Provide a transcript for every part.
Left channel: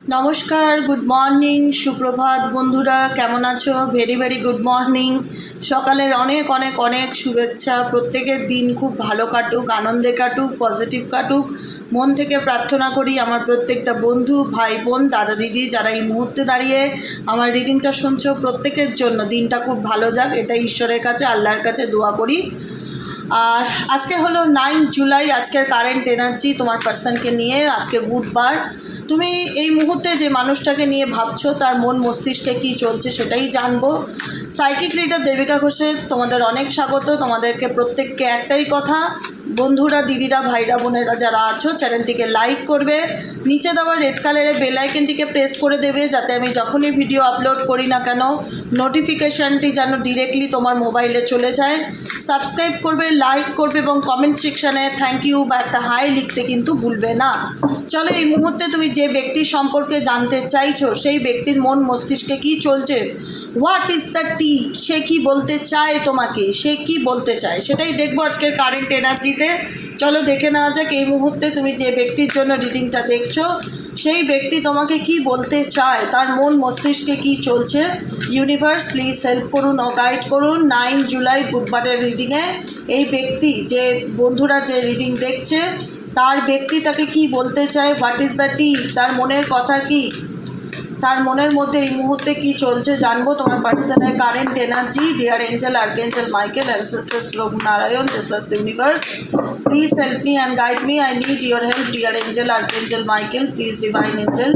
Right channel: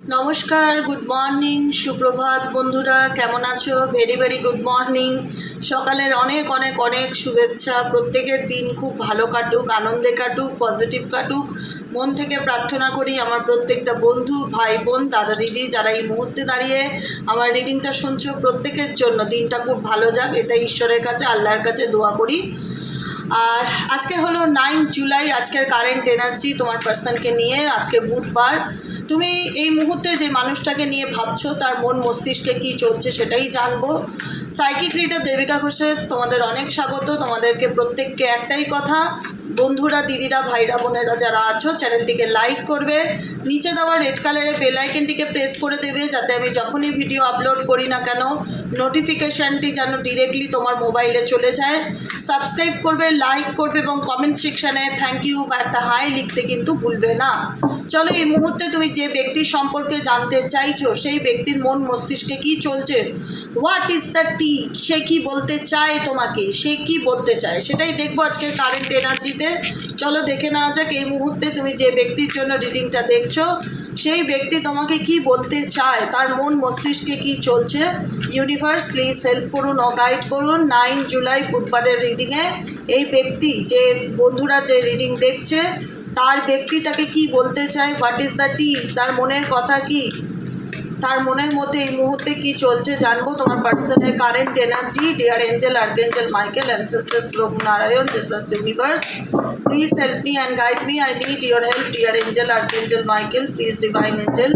নমস্কার, good morning, সুপ্রভাত বন্ধুরা, কেমন আছো? Very very good morning. সকালের অনেক অনেক অনেক শুভেচ্ছা। প্রত্যেকের দিন খুব ভালো কাটুক, আনন্দে কাটুক, পজিটিভ কাটুক। মন থেকে প্রার্থনা করি আমার প্রত্যেকটা বন্ধু, ভাই বোন, দাদা দিদি যারা এই মুহূর্তে দাঁড়িয়ে আমার রিডিংটা শুনছো, প্রত্যেকের জন্য দিনটা খুব ভালো যাক, এটা ঈশ্বরের কাছে, আল্লাহর কাছে দোয়া করি। আর আজকে হলো 9 জুলাই। আজকের কারেন্ট এনার্জি তোমার পার্সনকে নিয়ে, আজকে বুধবার। তুমি এই মুহূর্তে যে মানুষটাকে নিয়ে ভাবছো তার মন মস্তিষ্কে কী চলছে সেটাই জানবো। সাইকিক রিডার দেবিকা ঘোষে তোমাদের অনেক স্বাগত। তোমাদেরকে প্রত্যেককে একটাই কথা, বন্ধুরা, দিদিরা, ভাইরা, বোনেরা যারা আছো, চ্যানেলটিকে লাইক করবে, নিচে দেওয়া রেড কালারের বেল আইকনটিকে প্রেস করে দেবে, যাতে আমি যখনই ভিডিও আপলোড করি না কেন নোটিফিকেশানটি যেন ডিরেক্টলি তোমার মোবাইলে চলে যায়। সাবস্ক্রাইব করবে, লাইক করবে এবং কমেন্ট সেকশানে থ্যাংক ইউ বা একটা হাই লিখতে কিন্তু ভুলবে না। চলো, এই মুহূর্তে তুমি যে ব্যক্তির সম্পর্কে জানতে চাইছো সেই ব্যক্তির মন মস্তিষ্কে কী চলছে, হোয়াট ইজ দ্য টি, সে কী বলতে চায় তোমাকে, সে কী বলতে চায় সেটাই দেখবো আজকের কারেন্ট এনার্জিতে। চলো দেখে নেওয়া যাক এই মুহূর্তে তুমি যে ব্যক্তির জন্য রিডিংটা দেখছো সেই ব্যক্তি তোমাকে কি বলতে চায়, তার মন মস্তিষ্কে কি চলছে। ইউনিভার্স প্লিজ হেল্প করুন ও গাইড করুন 9 জুলাই বুধবারের রিডিংয়ে। এই ব্যক্তি, যে বন্ধুরা যে রিডিং দেখছে, তার ব্যক্তি তাকে কি বলতে চায়, হোয়াট ইজ দ্য টি, তার মনের কথা কি, তার মনের মধ্যে এই মুহূর্তে কি চলছে জানবো। তোমার পার্সনের current energy. Dear angel, archangel Michael, ancestors, প্রভু Narayan, Jesus universe, please help me and guide me. I need your help. Dear angel, archangel Michael, please divine angel,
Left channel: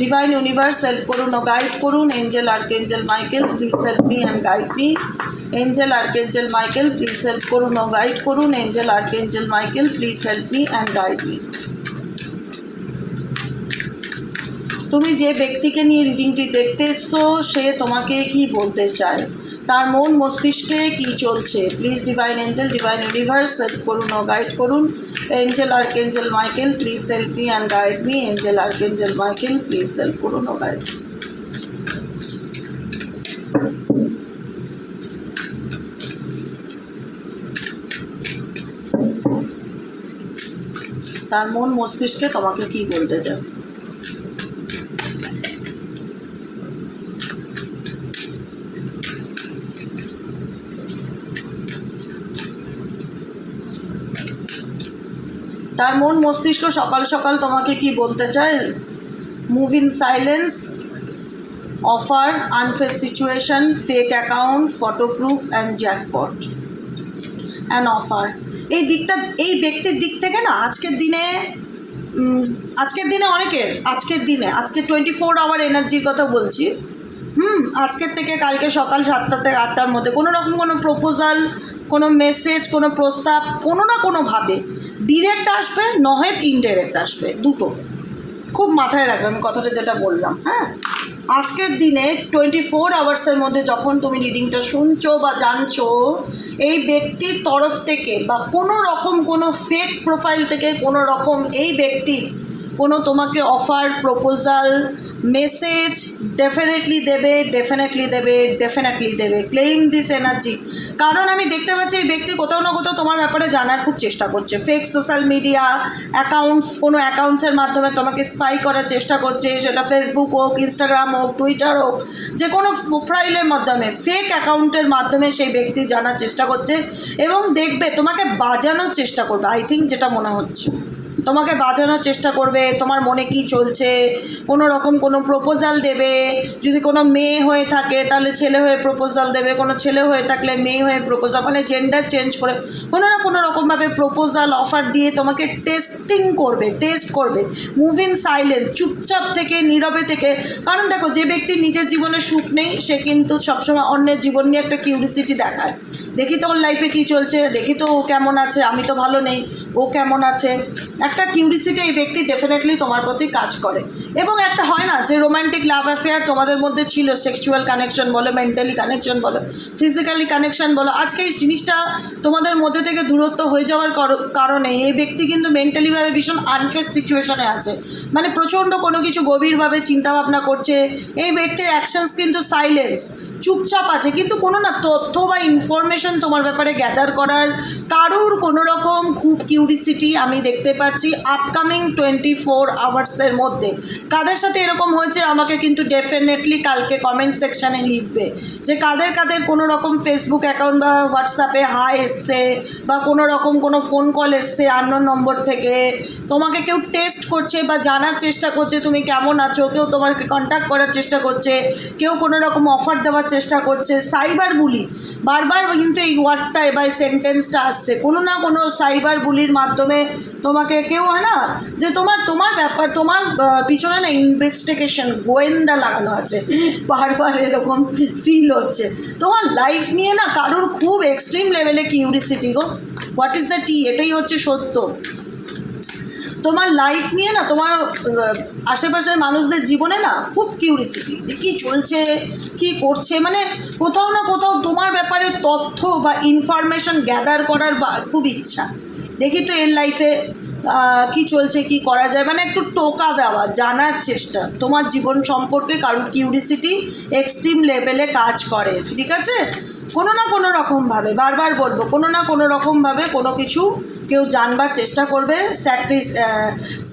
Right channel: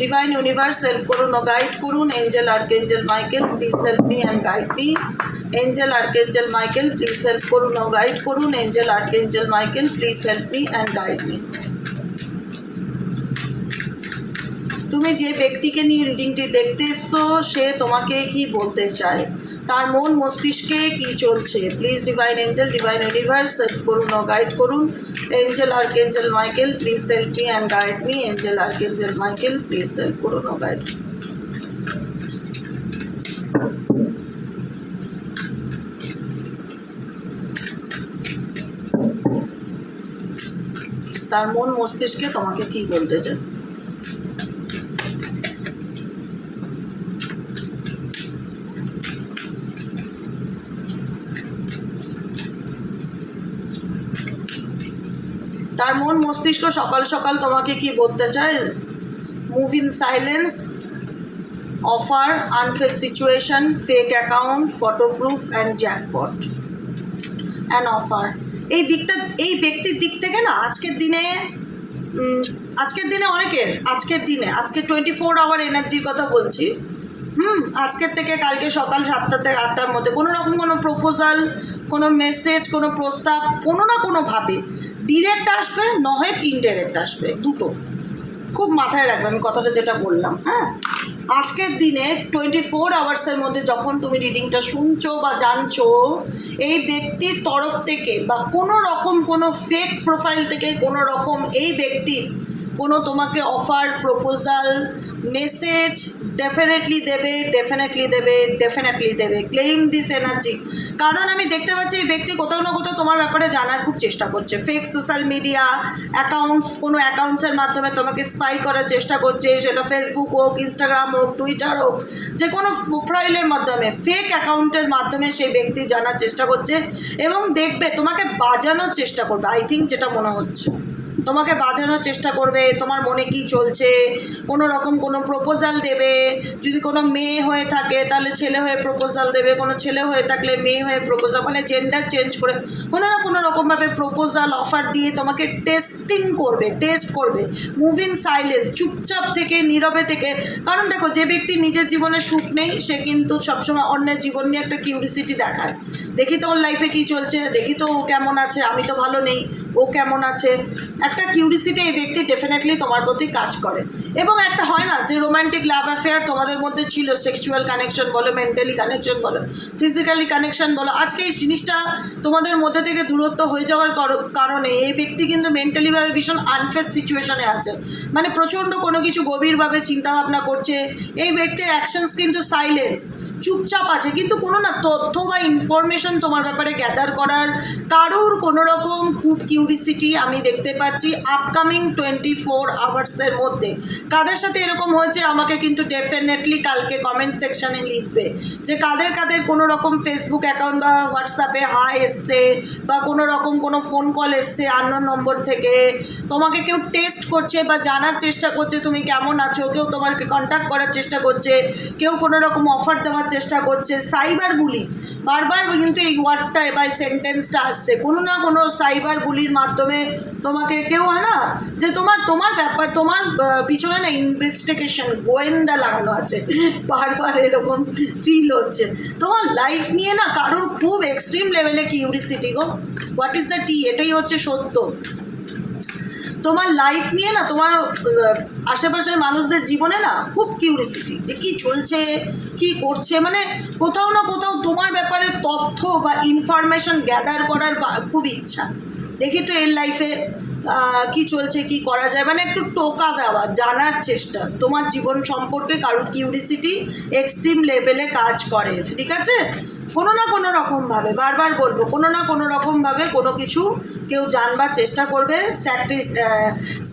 divine universe help করুন ও গাইড করুন। Angel, archangel Michael, please help me and guide me. Angel, archangel Michael, please help করুন ও guide করুন। Angel, archangel Michael, please help me and guide me. তুমি যে ব্যক্তিকে নিয়ে রিডিংটি দেখতে এসছো সে তোমাকে কি বলতে চায়, তার মন মস্তিষ্কে কি চলছে। Please divine angel, divine universe help করুন ও গাইড করুন। Angel, archangel Michael, please help me and guide me. Angel, archangel Michael, please help করুন ও গাইড। তার মন মস্তিষ্কে তোমাকে কি বলতে চায়। তার মন মস্তিষ্ক সকাল সকাল তোমাকে কি বলতে চায়। Move in silence, offer, unface situation, fake account, photo proof and jackpot and offer. এই দিকটা, এই ব্যক্তির দিক থেকে না আজকের দিনে অনেকের, আজকে 24 আওয়ার এনার্জির কথা বলছি। আজকের থেকে কালকে সকাল 7টা থেকে 8টার মধ্যে কোনো রকম কোনো প্রপোজাল, কোনো মেসেজ, কোনো প্রস্তাব কোনো না কোনোভাবে ডিরেক্ট আসবে, নয় ইনডাইরেক্ট আসবে, দুটো। খুব মাথায় রাখবে আমি কথাটা যেটা বললাম। হ্যাঁ, আজকের দিনে 24 আওয়ার্সের মধ্যে যখন তুমি রিডিংটা শুনছো বা জানছো, এই ব্যক্তির তরফ থেকে বা কোনো রকম কোনো ফেক প্রোফাইল থেকে কোনো রকম এই ব্যক্তির কোনো তোমাকে অফার, প্রপোজাল, মেসেজ ডেফিনেটলি দেবে। Claim this energy. কারণ আমি দেখতে পাচ্ছি এই ব্যক্তি কোথাও না কোথাও তোমার ব্যাপারে জানার খুব চেষ্টা করছে। ফেক সোশ্যাল মিডিয়া অ্যাকাউন্টস, কোনো অ্যাকাউন্টসের মাধ্যমে তোমাকে স্পাই করার চেষ্টা করছে, সেটা ফেসবুক হোক, ইনস্টাগ্রাম হোক, টুইটার হোক, যে কোনো প্রোফাইলের মাধ্যমে, ফেক অ্যাকাউন্টের মাধ্যমে সেই ব্যক্তি জানার চেষ্টা করছে এবং দেখবে তোমাকে বাজানোর চেষ্টা করবে। আই থিঙ্ক যেটা মনে হচ্ছে তোমাকে বাজানোর চেষ্টা করবে, তোমার মনে কি চলছে, কোনো রকম কোনো প্রপোজাল দেবে। যদি কোনো মেয়ে হয়ে থাকে তাহলে ছেলে হয়ে প্রপোজাল দেবে, কোনো ছেলে হয়ে থাকলে মেয়ে হয়ে প্রপোজাল, মানে জেন্ডার চেঞ্জ করে কোনো না কোনো রকমভাবে প্রপোজাল অফার দিয়ে তোমাকে টেস্ট করবে। মুভ ইন সাইলেন্স, চুপচাপ থেকে, নীরবে থেকে। কারণ দেখো, যে ব্যক্তি নিজের জীবনে সুখ নেই সে কিন্তু সবসময় অন্যের জীবন নিয়ে একটা কিউরিসিটি দেখায়। দেখি তো ওর লাইফে কী চলছে, দেখি তো ও কেমন আছে, আমি তো ভালো নেই, ও কেমন আছে, একটা কিউরিসিটি এই ব্যক্তি ডেফিনেটলি তোমার প্রতি কাজ করে। এবং একটা হয় না যে রোম্যান্টিক লাভ অ্যাফেয়ার তোমাদের মধ্যে ছিল, সেক্সুয়াল কানেকশন বলো, মেন্টালি কানেকশন বলো, ফিজিক্যালি কানেকশন বলো, আজকে এই জিনিসটা তোমাদের মধ্যে থেকে দূরত্ব হয়ে যাওয়ার কারণে এই ব্যক্তি কিন্তু মেন্টালিভাবে ভীষণ আনফেস সিচুয়েশনে আছে। মানে প্রচণ্ড কোনো কিছু গভীরভাবে চিন্তাভাবনা করছে। এই ব্যক্তির অ্যাকশনস কিন্তু সাইলেন্স, চুপচাপ আছে, কিন্তু কোনো না তথ্য বা ইনফরমেশন তোমার ব্যাপারে গ্যাদার করার কারোর কোনো রকম খুব কিউরিসিটি আমি দেখতে পাচ্ছি আপকামিং 24 আওয়ার্সের মধ্যে। কাদের সাথে এরকম হয়েছে আমাকে কিন্তু ডেফিনেটলি কালকে কমেন্ট সেকশানে লিখবে যে কাদের কাদের কোনো রকম ফেসবুক অ্যাকাউন্ট বা হোয়াটসঅ্যাপে হাই এসছে, বা কোনো রকম কোনো ফোন কল এসছে আননোন নম্বর থেকে, তোমাকে কেউ টেস্ট করছে বা জানার চেষ্টা করছে তুমি কেমন আছো, কেউ তোমাকে কন্ট্যাক্ট করার চেষ্টা করছে, কেউ কোনো রকম অফার দেওয়ার চেষ্টা করছে। সাইবার বুলি বারবার কিন্তু এই ওয়ার্ডটা বা এই সেন্টেন্সটা আসছে, কোনো না কোনো সাইবার বুলির মাধ্যমে তোমাকে কেউ হয় না যে তোমার ব্যাপার তোমার পিছনে না ইনভেস্টিগেশন গোয়েন্দা লাগানো আছে, বারবার এরকম ফিল হচ্ছে। তোমার লাইফ নিয়ে না কারোর খুব এক্সট্রিম লেভেলে curiosity go, what is the tea, এটাই হচ্ছে সত্য। তোমার লাইফ নিয়ে না তোমার আশেপাশের মানুষদের জীবনে না খুব কিউরিসিটি যে কী চলছে কী করছে, মানে কোথাও না কোথাও তোমার ব্যাপারে তথ্য বা ইনফরমেশন গ্যাদার করার খুব ইচ্ছা। দেখি তো এর লাইফে কি চলছে, কি করা যায়, মানে একটু টোকা দেওয়া, জানার চেষ্টা। তোমার জীবন সম্পর্কে কারোর কিউরিসিটি এক্সট্রিম লেভেলে কাজ করে, ঠিক আছে? কোনো না কোনো রকমভাবে, বারবার বলবো, কোনো না কোনো রকমভাবে কোনো কিছু কেউ জানবার চেষ্টা করবে।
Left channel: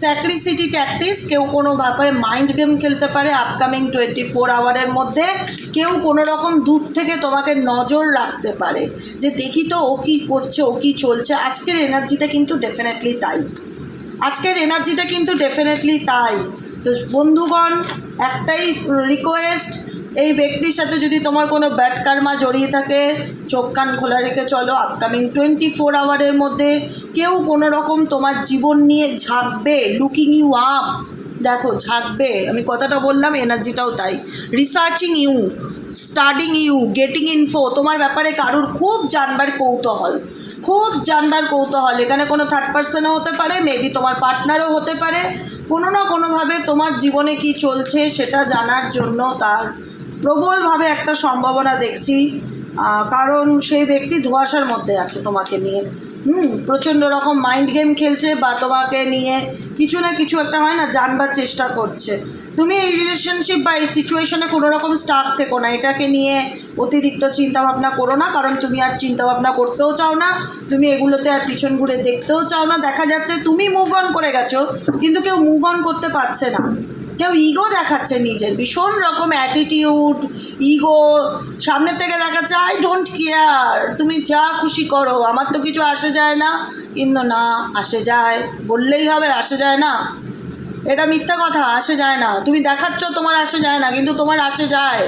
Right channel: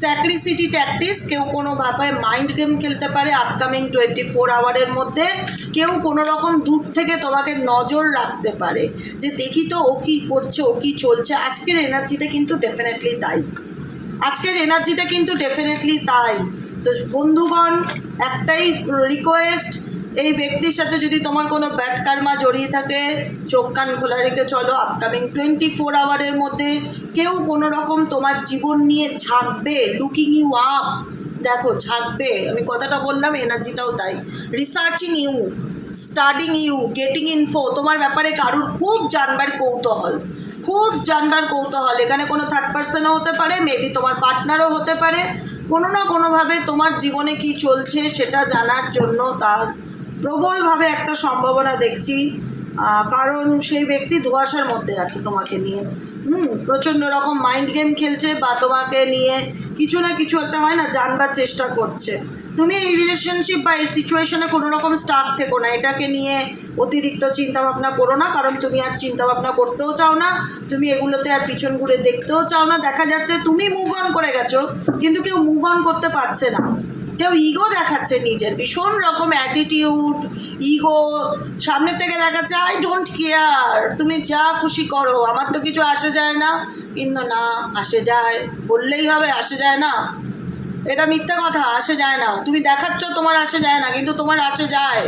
স্যাক্রিসিটি ট্যাকটিস, কেউ কোনো ব্যাপারে মাইন্ড গেম খেলতে পারে আপকামিং 24 আওয়ারের মধ্যে। কেউ কোনো রকম দূর থেকে তোমাকে নজর রাখতে পারে যে দেখি তো ও কী করছে, ও কী চলছে। আজকের এনার্জিটা কিন্তু ডেফিনেটলি তাই, আজকের এনার্জিটা কিন্তু ডেফিনেটলি তাই। তো বন্ধুগণ, একটাই রিকোয়েস্ট, এই ব্যক্তির সাথে যদি তোমার কোনো ব্যাড কার্মা জড়িয়ে থাকে চোখ কান খোলা রেখে চলো। আপকামিং 24 আওয়ারের মধ্যে কেউ কোনো রকম তোমার জীবন নিয়ে ঝাঁকবে, লুকিং ইউ আপ, দেখো ঝাঁকবে, আমি কথাটা বললাম, এনার্জিটাও তাই। Researching you, studying you, getting info, তোমার ব্যাপারে কারুর খুব জানবার কৌতূহল, খুব জানবার কৌতূহল। এখানে কোনো থার্ড পার্সনও হতে পারে, মেবি তোমার পার্টনারও হতে পারে। কোনো না কোনোভাবে তোমার জীবনে কি চলছে সেটা জানার জন্য তার প্রবলভাবে একটা সম্ভাবনা দেখছি, কারণ সেই ব্যক্তি ধোঁয়াশার মধ্যে আছে তোমাকে নিয়ে। প্রচণ্ড রকম মাইন্ড গেম খেলছে বা তোমাকে নিয়ে কিছু না কিছু একটা হয় না জানবার চেষ্টা করছে। তুমি এই রিলেশনশিপ বা এই সিচুয়েশনে কোনো রকম স্টাক থেকো না, এটাকে নিয়ে অতিরিক্ত চিন্তাভাবনা করো না, কারণ তুমি আর চিন্তাভাবনা করতেও চাও না, তুমি এগুলোতে আর পিছন ঘুরে দেখতেও চাও না। দেখা যাচ্ছে তুমি মুভ অন করে গেছো, কিন্তু কেউ মুভ অন করতে পারছে না। কেউ ইগো দেখাচ্ছে নিজের, ভীষণ রকম অ্যাটিটিউড, ইগো, সামনে থেকে দেখাচ্ছে আই ডোন্ট কেয়ার, তুমি যা খুশি করো, আমার তো কিছু আসে যায় না। কিন্তু না, আসে যায়, বললেই হবে আসে যায় না, এটা মিথ্যা কথা, আসে যায় না। তুমি দেখাচ্ছ তোমার আসে যায় না, কিন্তু তোমার আসে যায়।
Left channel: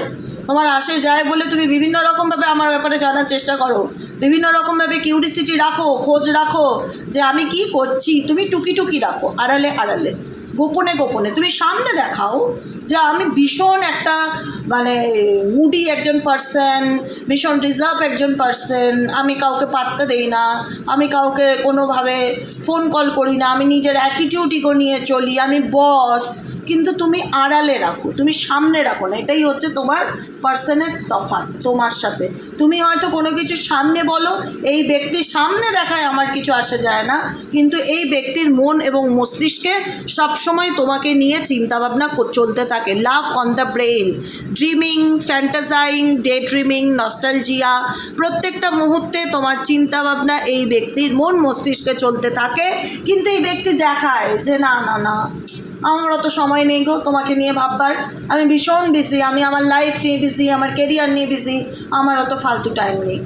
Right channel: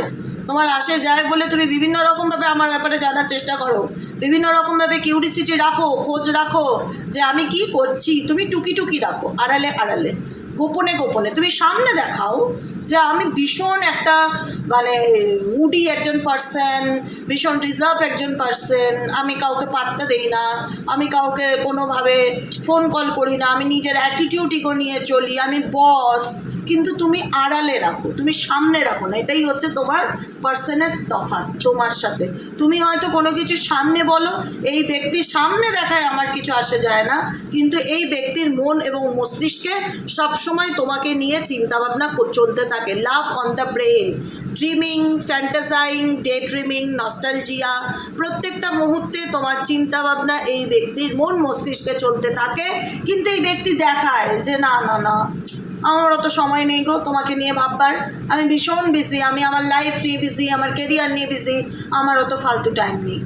তোমার আসে যায় বলে তুমি বিভিন্ন রকমভাবে আমার ব্যাপারে জানার চেষ্টা করো, বিভিন্ন রকমভাবে কিউরিসিটি রাখো, খোঁজ রাখো যে আমি কি করছি। তুমি টুকি টুকি রাখো, আড়ালে আড়ালে, গোপনে গোপনে। তুমি সামনে দেখাও যে আমি ভীষণ একটা মানে মুডি একজন পার্সন, ভীষণ রিজার্ভ একজন পার্সন, আমি কাউকে পাত্তা দেই না, আমি কাউকে কোনোভাবে ফোন কল করি না, আমি নিজের অ্যাটিটিউড ইগো নিয়ে চলি, আমি বস। কিন্তু তুমি আড়ালে রাখো, তুমি সামনে রাখো না, এটাই হচ্ছে তোমার পার্সনের তফাৎ তোমার সাথে। তুমি হয়তো কোনো কিছু সামনে বলো, এই ব্যক্তির সামনে দেখায় আমার কিছু আসে যায় না, কিন্তু এই ব্যক্তির মন এবং মস্তিষ্কে সবসময় তোমাকে নিয়ে চিন্তাভাবনা চলতে থাকে। Love on the brain, dreaming, fantasising, day dreaming, nostalgia, প্রত্যেকটা মুহূর্তে তোমার চিন্তাভাবনা এই ব্যক্তির মন মস্তিষ্কে চলতে থাকে। কিন্তু এই ব্যক্তি দেখায় যে না না না, আমার অত সময় নেই গো তোমাকে নিয়ে ভাববার, আমি ভীষণ বিজি, আমি আমার লাইফ নিয়ে বিজি, আমার কেরিয়ার নিয়ে বিজি, আমার অত ফালতু টাইম নেই।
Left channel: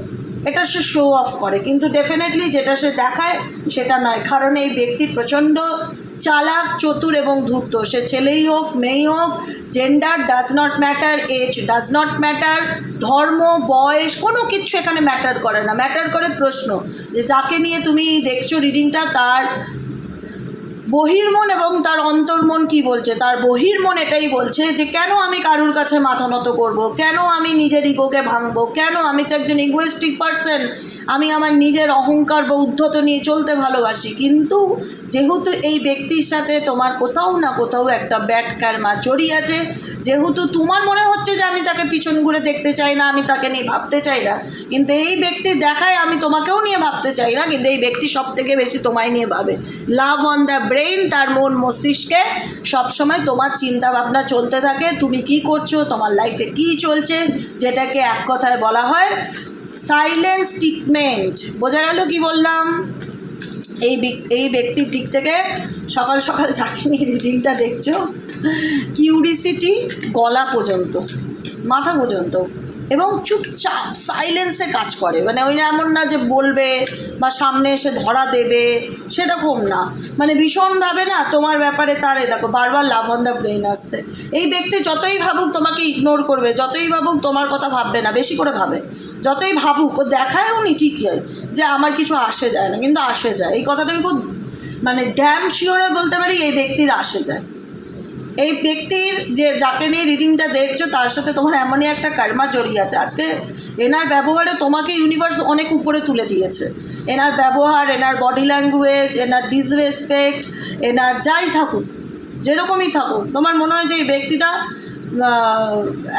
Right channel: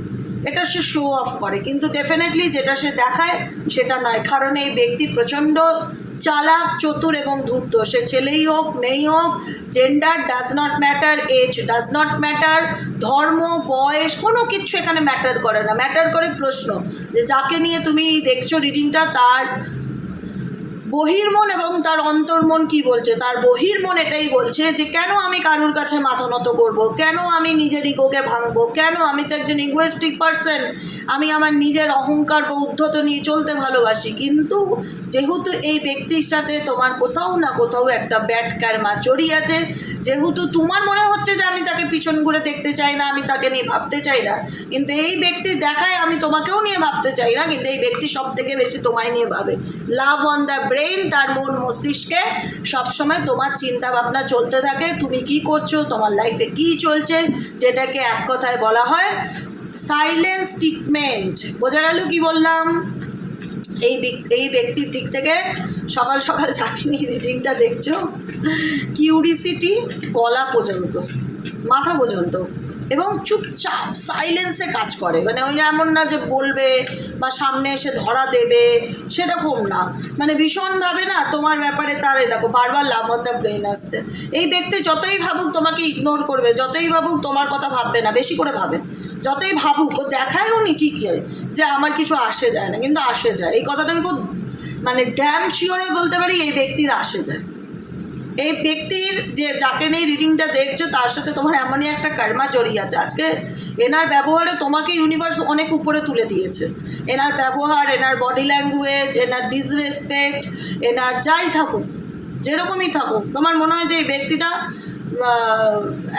এটা সে শো অফ করে, কিন্তু ডেফিনেটলি যেটা সে দেখায় সেটা নয়। কারণ এই ব্যক্তি প্রচণ্ড চালাক, চতুর এবং ধূর্ত। সে ছেলেই হোক মেয়েই হোক, gender does not matter, age does not matter, ধর্ম, বয়স, কোনো কিছু এখানে ম্যাটার করে না। ম্যাটার করে প্রশ্ন যে যাকে নিয়ে তুমি দেখছো রিডিংটা, তার বহির্মন এবং তার অন্তর্মন কি বলছে। তার বহির্মন এটাই বলছে যে কেন আমি কারুর কাছে মাথা নত করবো, কেন আমি নিজের ইগোকে ভাঙবো, কেন, আমি তো একজন ইগোয়েস্টিক পার্সন, আমি আমার নিজের অহংকার বা উদ্ধত নিয়ে চলতে ভালোবাসি। কিন্তু যেহেতু এই ব্যক্তির সাথে তোমার কোথাও না কোথাও একটা ব্যাড কার্মা জড়িয়ে আছে, যেহেতু তোমার মনে হচ্ছে যে আমি তাকে পিছন ঘুরে দেখতে চাই না, আমি তাকে নিয়ে ভাবতে চাই না, কিন্তু এই ব্যক্তি দেখায় আমি তোমাকেও নিয়ে ভাবতে চাই না, কিন্তু এই ব্যক্তি সব থেকে বেশি তোমায় নিয়ে ভাবে। লাভ অন দ্য ব্রেইন, তার মন মস্তিষ্কে সবসময় তোমার চিন্তা ভাবনা চলতে থাকে, তুমি কি করছো, তোমার লাইফে কি চলছে, যেটাকে এক কথায় বলা হয় সাইলেন্স ট্রিটমেন্ট। বোঝা গেল কি বললাম? এই ব্যক্তির দিক থেকে সকাল সকাল যাকে নিয়ে রিডিংটা দেখছো, কিউরিসিটি গলা পর্যন্ত, মাথা পর্যন্ত, এবং চুপচাপ সাইলেন্সে কাজ করে। মানে ওই এমন না যে বলবে বা সামনে এসে ধরা দেবে, সেরকম না। মানে ভীষণভাবে না তোমার ব্যাপারে তারে দেখো বারবার লাভ অন দ্য ব্রেন আসছে। এই ব্যক্তি যতই ভাবুক তোমাকে ইগনোর করবে, যতই ভাবুক তোমার কথা ভাববে না, বেশি করে ভাবে, যতই ভাবুক ও দেখায়ও নি ঠিকই যে আমার কিছু আসে যায় না, কিন্তু আসে যায়। এই কথাটা আমি খুব মানে ড্যাম শিওরে বলতে পারি, এই ব্যক্তির আসে যায়। এই ব্যক্তির যে যাকে নিয়ে রিডিংটা দেখছো তার সাথে তোমার এমনই একটা কর্মা জড়িয়ে আছে। আজকে এনার ব্যবহারে তোমাকে ইউনিভার্স অনেক উপরে তুলে দিয়েছে। এনার ব্যবহার, এনার বডি ল্যাঙ্গুয়েজ, এনার ডিসরেসপেক্ট, এনার যাই থাকুক, যেরকমই থাকুক, তোমার মনে হয় যে এই ব্যক্তিটা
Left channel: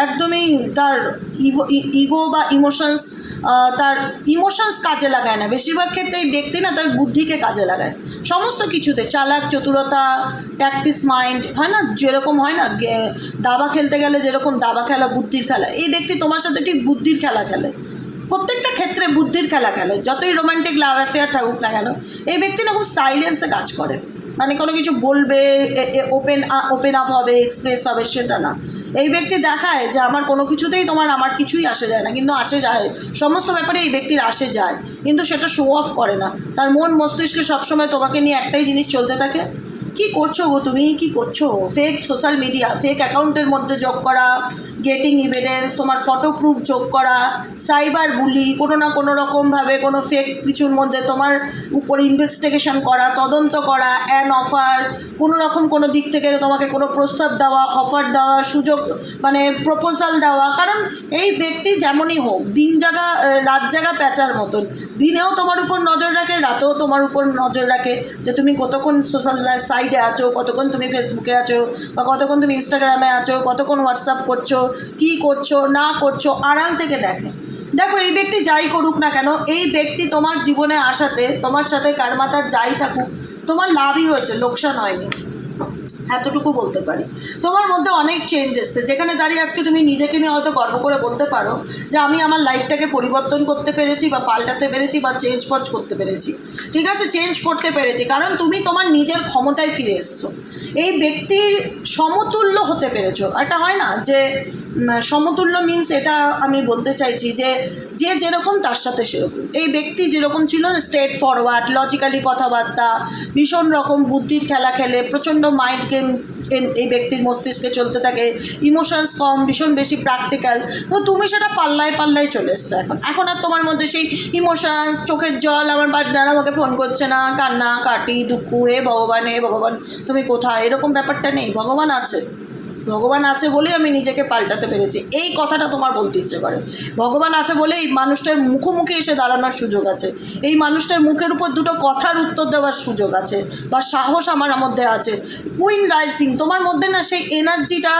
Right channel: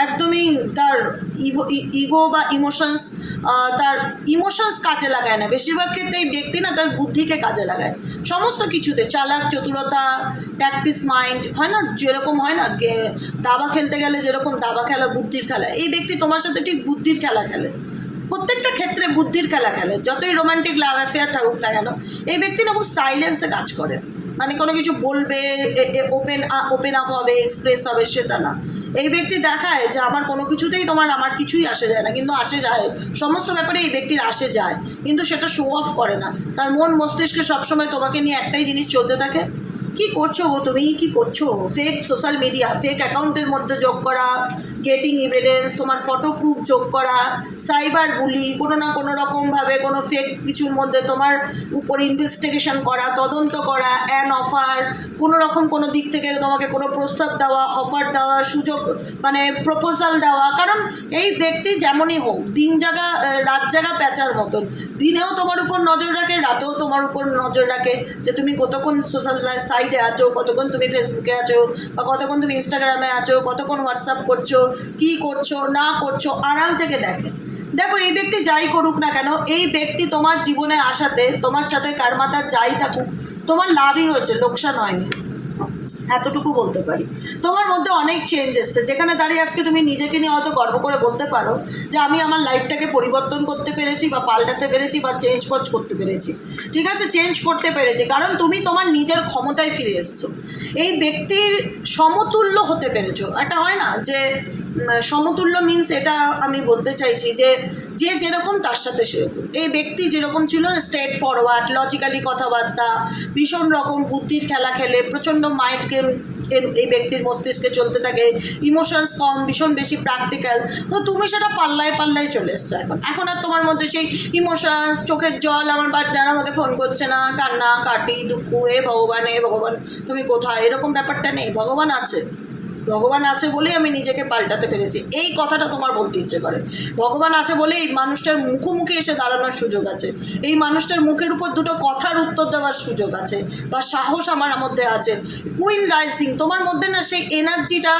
একদমই তার ইগো বা ইমোশনস, তার ইমোশনস কাজে লাগায় না। বেশিরভাগ ক্ষেত্রে এই ব্যক্তি না তার বুদ্ধিকে কাজে লাগায় সমস্ত কিছুতে। চালাক, চতুরতা, প্র্যাকটিস মাইন্ড, হয় না যেরকম হয় না দাবা খেলতে গেলে যেরকম দাবা খেলা বুদ্ধির খেলা, এই ব্যক্তি তোমার সাথে ঠিক বুদ্ধির খেলা খেলে, প্রত্যেকটা ক্ষেত্রে বুদ্ধির খেলা খেলে। যতই রোমান্টিক লাভ অ্যাফেয়ার থাকুক না কেন, এই ব্যক্তি না খুব সাইলেন্সে কাজ করে। মানে কোনো কিছু বলবে, ওপেন আপ হবে, এক্সপ্রেস হবে, সেটা না। এই ব্যক্তি দেখায় যে আমার কোনো কিছুতেই আমার কিছুই আসে যায় না, কিন্তু আসে যায় সমস্ত ব্যাপারে এই ব্যক্তির আসে যায়, কিন্তু সেটা শো অফ করে না। তার মন মস্তিষ্কে সবসময় তোমাকে নিয়ে একটাই জিনিস চলতে থাকে, কি করছো গো তুমি, কি করছো? ফেক সোশ্যাল মিডিয়া, ফেক অ্যাকাউন্টের মধ্যে যোগ করা, গেটিং এভিডেন্স, তোমার ফটো প্রুফ যোগ করা, সাইবার বুলি, কোনো না কোনো রকমভাবে কোনো ফেক কিছুর মধ্যে তোমার উপর ইনভেস্টিগেশন করা, তদন্ত করা, অ্যান অফার, কোনো রকম কোনো দিক থেকে তোমাকে কোনো প্রস্তাব দেওয়া, অফার দেওয়া, সুযোগ মানে প্রপোজাল দেওয়া। কারণ এই ব্যক্তি যেমনই হোক দিন জাগা রাত জাগা প্যাঁচার মতন, দিনেও তোমার উপর নজর রাখে, রাতেও তোমার উপর নজর রাখে যে তুমি কতক্ষণ সোশ্যাল সাইটে আছো, কতক্ষণ তুমি ফেসবুকে আছো, বা কতক্ষণ তুমি ইনস্টাগ্রামে আছো, কতক্ষণ হোয়াটসঅ্যাপ করছো, কি করছো না করছো, আড়াল থেকে দেখে। দেখো এই ব্যক্তি যাই করুক না কেন, এই ব্যক্তি তোমার জীবনে আসাতে তোমার সাথে কার মাথার যাই থাকুক তোমার লাভই হয়েছে, লোকসান হয়নি, এতটুকু বলতে পারি। তোমার মধ্যে অনেক চেঞ্জ এসছে, যেখানে দাঁড়িয়ে আজকে তুমি নিজেকে নিয়ে হয়তো গর্ব করে বলতে পারো যে আমি আমার লাইফটাকে পরিবর্তন করতে পেরেছি, বা পাল্টাতে পেরেছি, বা চেঞ্জ করতে পেরেছি। ঠিক আছে, চেঞ্জ করতে পেরেছি কারণ তুমি তোমার নিজের ক্ষমতায় ফিরে এসছো। এই ব্যক্তির সমতুল্য হতে পেরেছো। একটা হয় না যে সমতুল্য মিন্স, এটা আমি বলতে চাইছি যে যে যেরকম তার সাথে সেরকম। এই ব্যক্তি যেরকম ছিল না, স্ট্রেট ফরওয়ার্ড, লজিক্যালি কথাবার্তা, ভীষণ রকম বুদ্ধির খেলা খেলে, প্রচণ্ড মাইন্ড গেম এই ব্যক্তির মস্তিষ্কে চলতে থাকে, ইমোশনস কম, ভীষণ বেশি প্র্যাকটিক্যাল। তো তুমি সেটা পাল্লায় পাল্লায় চলে এসছো। এখন আর তোমার মধ্যে সেই ইমোশনস, চোখের জল, আমার পার্টনার আমাকে ফোন করছে না, কান্না কাটি, দুঃখ, হে ভগবান তুমি কোথায়, এরকম ব্যাপারটা নেই। ভগবান আছে, ভগবান আছে বলেই আমি নিজেকে পাল্টাতে পেরেছি, এই কথাটা তোমার বলতে ইচ্ছে করে। ভগবান আছে বলেই এই মানুষটার মুখোমুখি এসে দাঁড়ানোর সুযোগ আছে, এই মানুষটার মুখের উপর দুটো কথার উত্তর দেওয়ার সুযোগ আছে, বা সাহস আমার মধ্যে আছে। কুইন রাইজিং, তোমার মধ্যে না সেই এনার্জিটা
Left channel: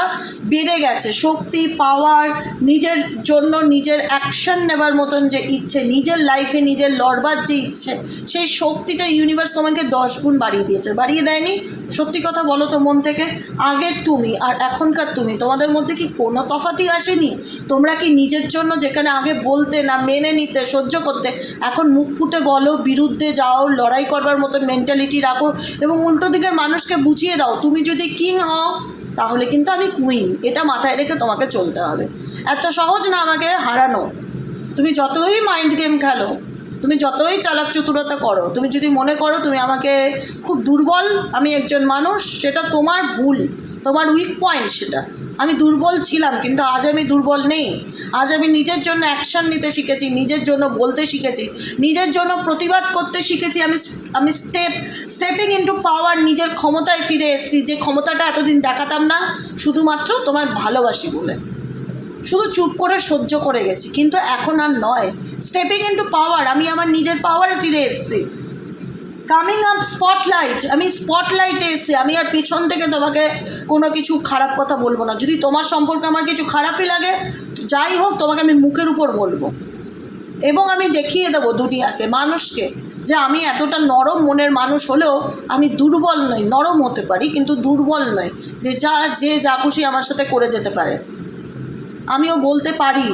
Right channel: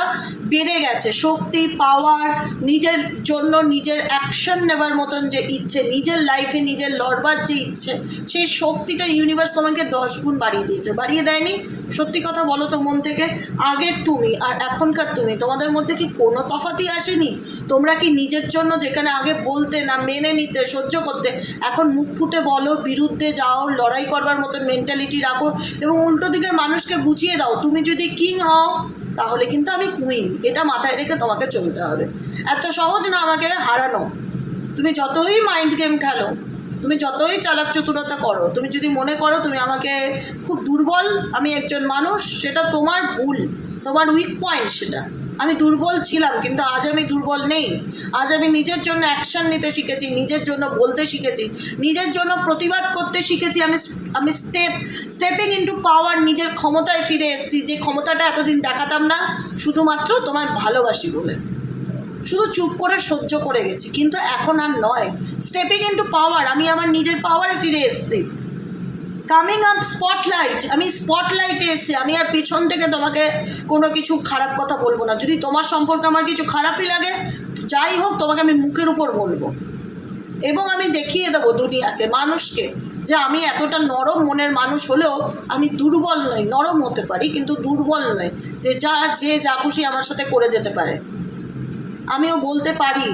বেড়ে গেছে, শক্তি, পাওয়ার, নিজের জন্য নিজের অ্যাকশন নেবার মতন যে ইচ্ছে, নিজের লাইফে নিজের লড়বার যে ইচ্ছে, সেই শক্তিটা ইউনিভার্স তোমাকে 10 গুণ বাড়িয়ে দিয়েছে। বাড়িয়ে দেয়নি? সত্যি কথা বলো তো মন থেকে, আগের তুমি আর এখনকার তুমি, তোমাদের মধ্যে কি কোনো তফাতই আসেনি? তোমরা কি নিজের জন্য যেখানে আগে বলতে না, মেনে নিতে, সহ্য করতে, এখন মুখ ফুটে বলো, বিরুদ্ধে যাও, লড়াই করবার মতন মেন্টালিটি রাখো, এবং উল্টো দিকের মানুষকে বুঝিয়ে দাও তুমি যদি কিং হও তাহলে কিন্তু আমি কুইন, এটা মাথায় রেখে তোমাকে চলতে হবে। এত সহজ না আমাকে হারানো। তুমি যতই মাইন্ড গেম খেলো, তুমি যতই চালাক চতুরতা করো, তুমি যদি মনে করো তুমি আমাকে খুব দুর্বল, আমি একজন মানুষ, সেটা তোমার ভুল, তোমার উইক পয়েন্ট সেটা। আমি দুর্বল ছিলাম, কিন্তু আজ আমি দুর্বল নেই। আজ আমি নিজের জন্য অ্যাকশান নিতে শিখেছি, নিজের জন্য বলতে শিখেছি, নিজের জন্য প্রতিবাদ করতে শিখেছি। আমি স্টেপিং ইনটু পাওয়ার, নিজের ক্ষমতায় ফিরে এসেছি, যে ক্ষমতাটা এতদিন দেখাতাম না, শুধুমাত্র তোমার ভালোবাসি বলে শুধু চুপ করে সহ্য করে গেছি, কিন্তু এখন আর নয়। স্টেপিং ইনটু পাওয়ার, আমি আমার নিজের পাওয়ারে ফিরে এসেছি। কামিং আপ স্পটলাইট, আমি স্পটলাইটে এসে আমি আর পেছন থেকে তোমাকে কোনো কিছু খারাপ কথা বলবো না। যদি তোমার সম্পর্কে আমার কিছু খারাপই লাগে, যাই হোক, তোমাকে আমি মুখের উপর বলবো এবং আমি দেখিয়ে দেবো দুনিয়াকে, মানুষকে, যে আমি এতটা নরম মনের মানুষ হলেও আমি দুর্বল নই। নরম হতে পারি কিন্তু দুর্বল নয়, যে যা খুশি আমার সাথে করে যেতে পারে। আমিও বলতে পারি,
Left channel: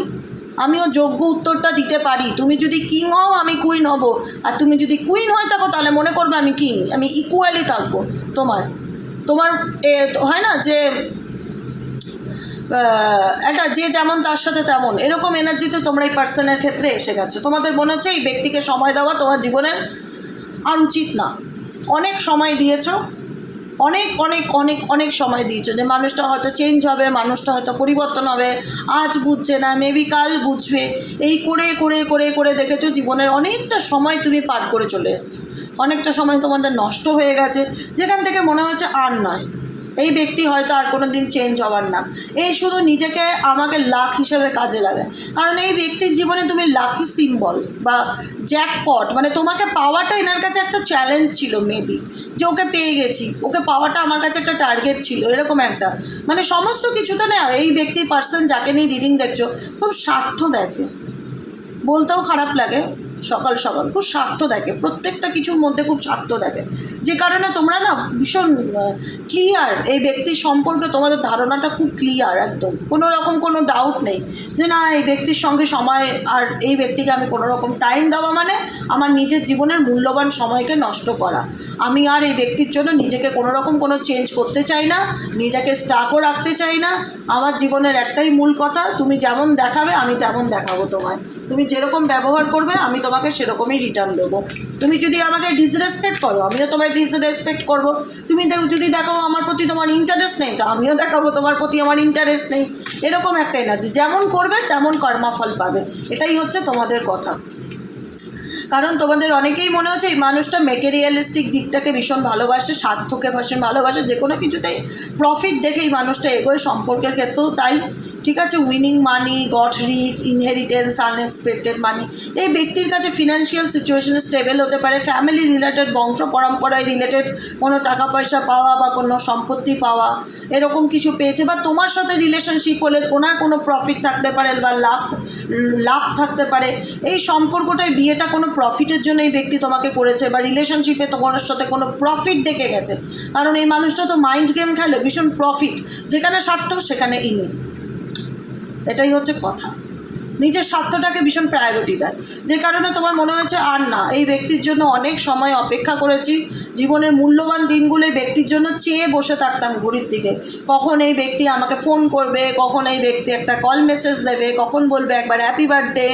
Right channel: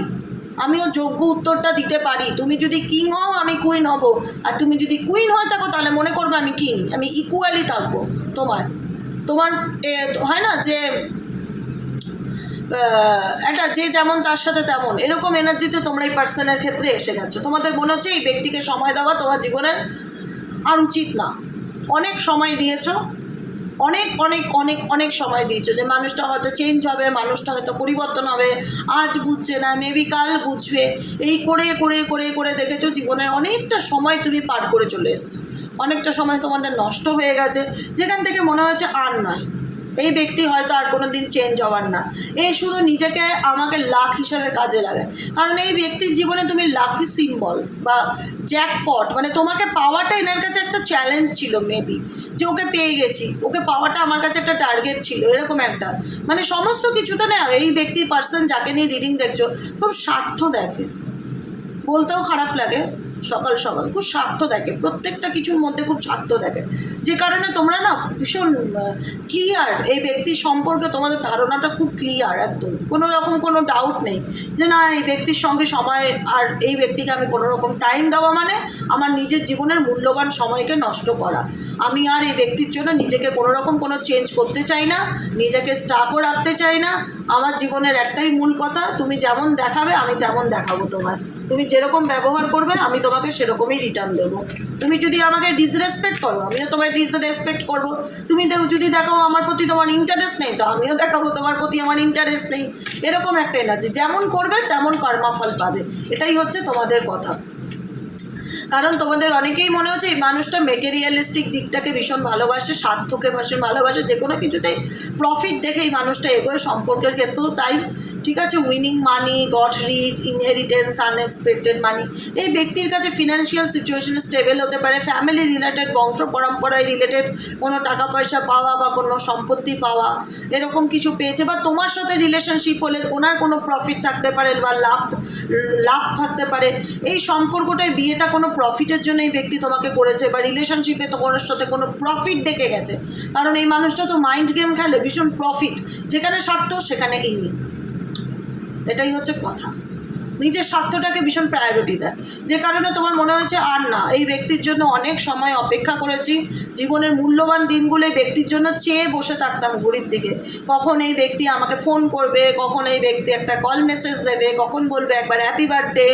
আমিও যোগ্য উত্তরটা দিতে পারি। তুমি যদি কিং হও আমি কুইন হব, আর তুমি যদি কুইন হয়ে থাকো তাহলে মনে করবে আমি কিং। আমি ইকুয়ালি থাকবো তোমার তোমার হয় না যে একটা যে যেমন তার সাথে তেমন, এরকম এনার্জিতে তোমরা এই পার্সনের ক্ষেত্রে এসে গেছো। তোমাদের মনে হচ্ছে এই ব্যক্তিকে সময় দেওয়া তোমার জীবনের আর উচিত না। অনেক সময় দিয়েছো, অনেক অনেক অনেক অনেক সময় দিয়েছো, যে মানুষটা হয়তো চেঞ্জ হবে, মানুষটা হয়তো পরিবর্তন হবে, আজ বুঝছে না, মেবি কাল বুঝবে। এই করে করে করে করে দেখেছো জীবনের অনেকটা সময় তুমি পার করে চলে এসছো, অনেকটা সময় তোমাদের নষ্ট হয়ে গেছে, যেখান থেকে মনে হচ্ছে আর নয়, এই ব্যক্তি হয়তো আর কোনো দিন চেঞ্জ হবার না। এই শুধু নিজেকে আমাকে লাক হিসেবে কাজে লাগায়, কারণ এই ব্যক্তির জীবনে তুমি লাকি সিম্বল বা জ্যাকপট, মানে তোমাকে পাওয়াটা এনার কাছে একটা চ্যালেঞ্জ ছিল মেবি, যে ওকে পেয়ে গেছি, ওকে পাওয়াটা আমার কাছে একটা টার্গেট ছিল, এরকম একটা, মানে সমস্ত কিছুতে না এই ব্যক্তির পার্সন যাকে নিয়ে রিডিং দেখছো খুব স্বার্থ দেখে, বলতেও খারাপ লাগে, সকাল সকাল খুব স্বার্থ দেখে, প্রত্যেকটা কিছুর মধ্যে খুব স্বার্থ দেখে, যে কারণে তোমরা না ভীষণ ক্লিয়ার, এই ব্যক্তির সম্পর্কে তোমাদের ধারণাটা খুব ক্লিয়ার, একদম কোনো রকম কোনো ডাউট নেই যে না এই ব্যক্তির সঙ্গে সময়, আর এই ব্যক্তিকে আমি কোনো রকম টাইম দেওয়া মানে আমার নিজের জীবনের মূল্যবান সময়কে নষ্ট করা। আমি আর এই ব্যক্তির জন্য নিজেকে কোনো রকম কোনো চেঞ্জ করতে চাই না, নিজেকে স্টাকও রাখতে চাই না। আমার জীবনের একটাই মূল কথা, তুমি যেমন দেখাবে আমি তেমন দেখাবো তোমায়, তুমি যেরকম ব্যবহার করবে আমি তোমাকে সেরকমই রিটার্ন দেবো। তুমি যদি আমাকে ডিসরেসপেক্ট করো আমিও তোমায় ডিসরেসপেক্ট করবো। তুমি যদি দেখো আমার প্রতি তোমার ইন্টারেস্ট নেই, তো আমিও দেখাবো তোমার প্রতি আমার ইন্টারেস্ট নেই। এরকম একটা এনার্জি, যেমন করবে তেমন কর্মফল পাবে, এটাই হচ্ছে তোমাদের কথা। কারণ তোমাদের অনেকেই মনে হচ্ছে এই মানুষটা মেটেরিয়ালিস্টিক দিকটাকে ভীষণ ভালোবাসে, স্বার্থকে ভীষণ ভালোবাসে, যে কোনো কিছুতেই প্রফিট দেখে এই মানুষটা এগোয়, সম্পর্কের ক্ষেত্রেও তাই। ঠিক আছে, উইনিং মানি, গট রিচ, ইনহেরিটেন্স, আনএক্সপেক্টেড মানি। এই ব্যক্তির কাছে ফিনান্সিয়াল সিচুয়েশনে স্টেবল হতে পারে, ফ্যামিলি রিলেটেড, বংশ পরম্পরায় রিলেটেড কোনো টাকা পয়সা পাওয়া বা কোনো সম্পত্তি পাওয়া, এরকম কিছু পেয়েছে, বা তোমার সাথে রিলেশনশিপ হলে ওনার কোনো প্রফিট থাকতে পারে বা লাভ থাকতে পারে। এই সম্পর্কটায় বিয়েটা কোনো প্রফিটের জন্য এই ব্যক্তি তোমাকে করেছে, বা রিলেশনশিপে তোমার সাথে কোনো প্রফিট দেখে গেছে, কারণ এই মানুষটা তো মাইন্ড গেম খেলে, ভীষণ প্রফিট, যেখানে স্বার্থ সেখানে ইনি, এটাই হচ্ছে কথা। নিজের স্বার্থটাকে ভীষণ প্রায়োরিটি দেয়, যে কারণে তোমার মনে হচ্ছে আর না, এই ব্যক্তির জন্য অনেক সময় অপেক্ষা করেছি, জীবনের মূল্যবান দিনগুলো এই ব্যক্তির জন্য চেয়ে বসে থাকতাম ঘড়ির দিকে, কখন এই ব্যক্তি আমাকে ফোন করবে, কখন এই ব্যক্তি একটা কল মেসেজ দেবে, কখন বলবে একবার হ্যাপি বার্থডে,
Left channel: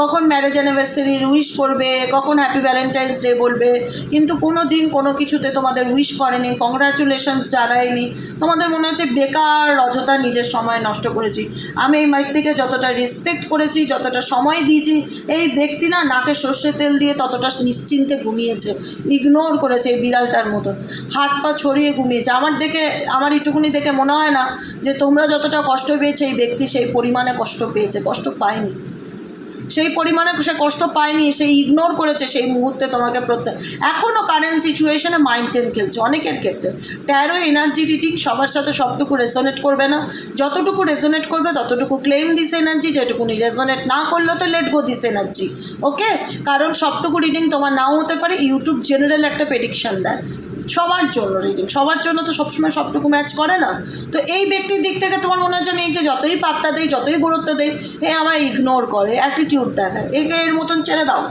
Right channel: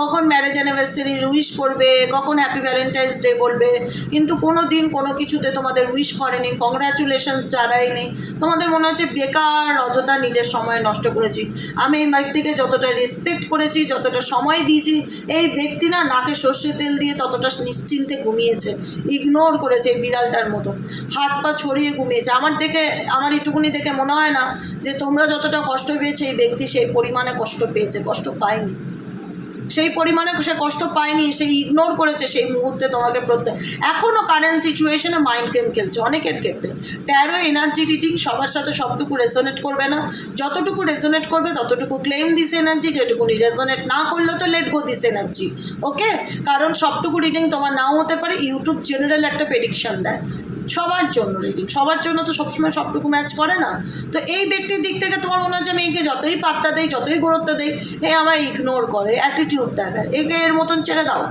কখন ম্যারেজ অ্যানিভার্সারির উইশ করবে, কখন হ্যাপি ভ্যালেন্টাইন্স ডে বলবে, কিন্তু কোনো দিন কোনো কিছুতে তোমাদের উইশ করেনি, কংগ্রাচুলেশনস জানায়নি। তোমাদের মনে হচ্ছে বেকার অযথা নিজের সময় নষ্ট করেছি। আমি এই ব্যক্তিকে যতটা রেসপেক্ট করেছি, যতটা সময় দিয়েছি, এই ব্যক্তি না নাকে সর্ষে তেল দিয়ে ততটা নিশ্চিন্তে ঘুমিয়েছে, ইগনোর করেছে এই বিড়ালটার মতো, হাত পা ছড়িয়ে ঘুমিয়েছে। আমার একটুকুনি দেখে মনে হয় না যে তোমরা যতটা কষ্ট পেয়েছে এই ব্যক্তি সেই পরিমাণে কষ্ট পেয়েছে, কষ্ট পায়নি, সেই পরিমাণে সে কষ্ট পায়নি, সেই ইগনোর করেছে সেই মুহূর্তে তোমাকে এখনও কারেন্ট সিচুয়েশনে মাইন্ড গেম খেলছে অনেকের ক্ষেত্রে। ট্যারো এনার্জি রিডিং সবার সাথে সবটুকু রেজোনেট করবে না, যতটুকু রেজোনেট করবে ততটুকু ক্লেম দিস এনার্জি, যেটুকুনি রেজোনেট না করলে তো লেট গো দিস এনার্জি, ওকে। কারণ সবটুকু রিডিং তোমার নাও হতে পারে, ইউটিউব জেনারেল একটা প্রেডিকশান দেয় সবার জন্য, রিডিং সবার জন্য তো সবসময় সবটুকু ম্যাচ করে না। তো এই ব্যক্তির দিক থেকে তোমার মনে হচ্ছে আমি একে যতই পাত্তা দেই, যতই গুরুত্ব দেই, এ আমায় ইগনোর করে, অ্যাটিটিউড দেখায়, একে এর মতন ছেড়ে দাও।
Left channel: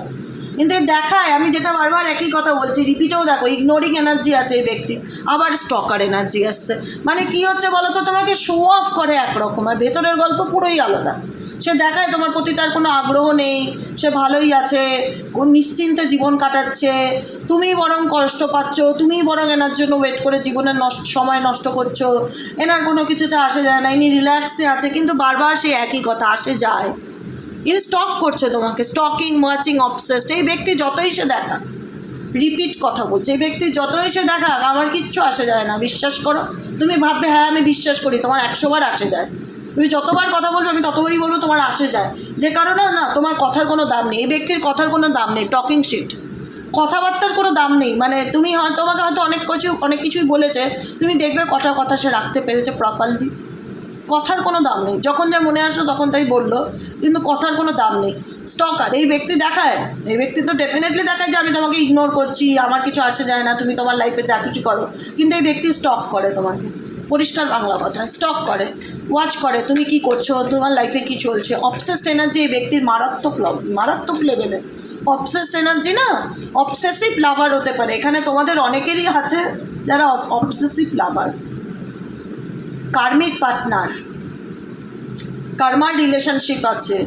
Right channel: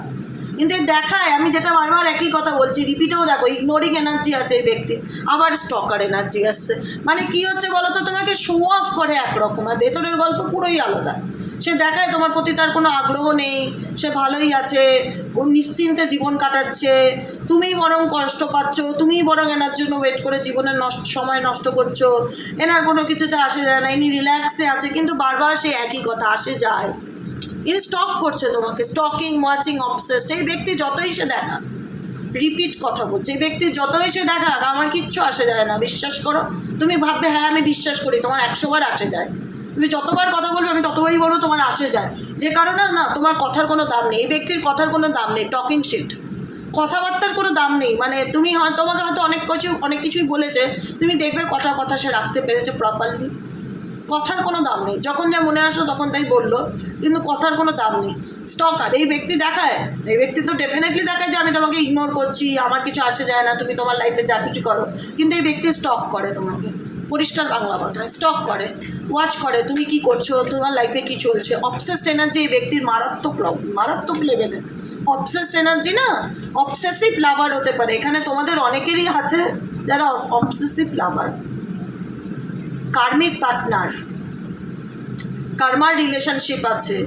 কিন্তু এই দেখায়, আমি যেটা বারবার একই কথা বলছি, রিপিটেও দেখো, ইগনোরিং এনার্জি আছে এই ব্যক্তি, আবার স্টকার এনার্জি আসছে। মানে কি হচ্ছে বলো তো, তোমাকে শো অফ করে একরকম, আর ভেতরের গল্প পুরোই আলাদা। সে দেখায় তোমার প্রতি তার কোনো আগ্রহ নেই, সে ভালোই আছে, নিশ্চিন্তে জীবন কাটাচ্ছে, তুমি বরং কষ্ট পাচ্ছ, তুমি বরং এনার জন্য ওয়েট করে জীবনের সময় নষ্ট করছো, এনার কোনো কিছুতে আসে যায় না, ইনি রিল্যাক্সে আছে, কিন্তু বারবার সে একই কথা আসে যায়, ইনি স্টক করছে তোমাকে, স্টকিং, ওয়াচিং, অবসেসড। এই ব্যক্তি যতই সে দেখা, রিপিট কথা বলছে, এই ব্যক্তি যতই সে দেখা, আমার কিচ্ছু আসে যায় না, বিশ্বাস করো। তুমি ভাববে হ্যাঁ আমি বিশ্বাস করি, তোমার 100 বার আসে যায়। তুমি যতবার কথা বলবে আমি ততবারই বলবো তোমার আসে যায়, যে কারণে না তোমার কথার কোনো দাম নেই, এই ব্যক্তির কথার কোনো দাম নেই, টকিং শিট, কথাবার্তার কোনো দাম নেই, মানে তুমি হয়তো তোমাকে হয়তো অনেক কিছুই বলেছে, তুমি দেখবে কথা সে রাখতে পেরেছে প্রপারলি। কথার কোনো দাম নেই, যখন যা মনে আসলো তখন তাই বললো, কিন্তু কথার কোনো দাম নেই। স্টকার এই ব্যক্তি দেখায়, এই ব্যক্তি তো ডেফিনেটলি দেখায় যে আমি তোমাকে ইগনোর করছি, আমার কিছু আসে যায় না, তুমি তোমার লাইফে যা কিছু করো, কিন্তু এই ব্যক্তি স্টক করে তোমাকে, পরিষ্কার বাংলা কথা, স্টক করে, ওয়াচ করে তুমি কি করছো, তোমার লাইফে কি চলছে। অবসেসড এনার্জি এই ব্যক্তির মারাত্মক লেভেলে। অবসেসড এনার্জি না, অবসেসিভ লাভার হতে পারে, এখানে তোমাদের অনেকেরই আছে যারা অবসেসিভ লাভার। কার্মিক পার্টনার, কার্মার রিলেশনশিপ আছে,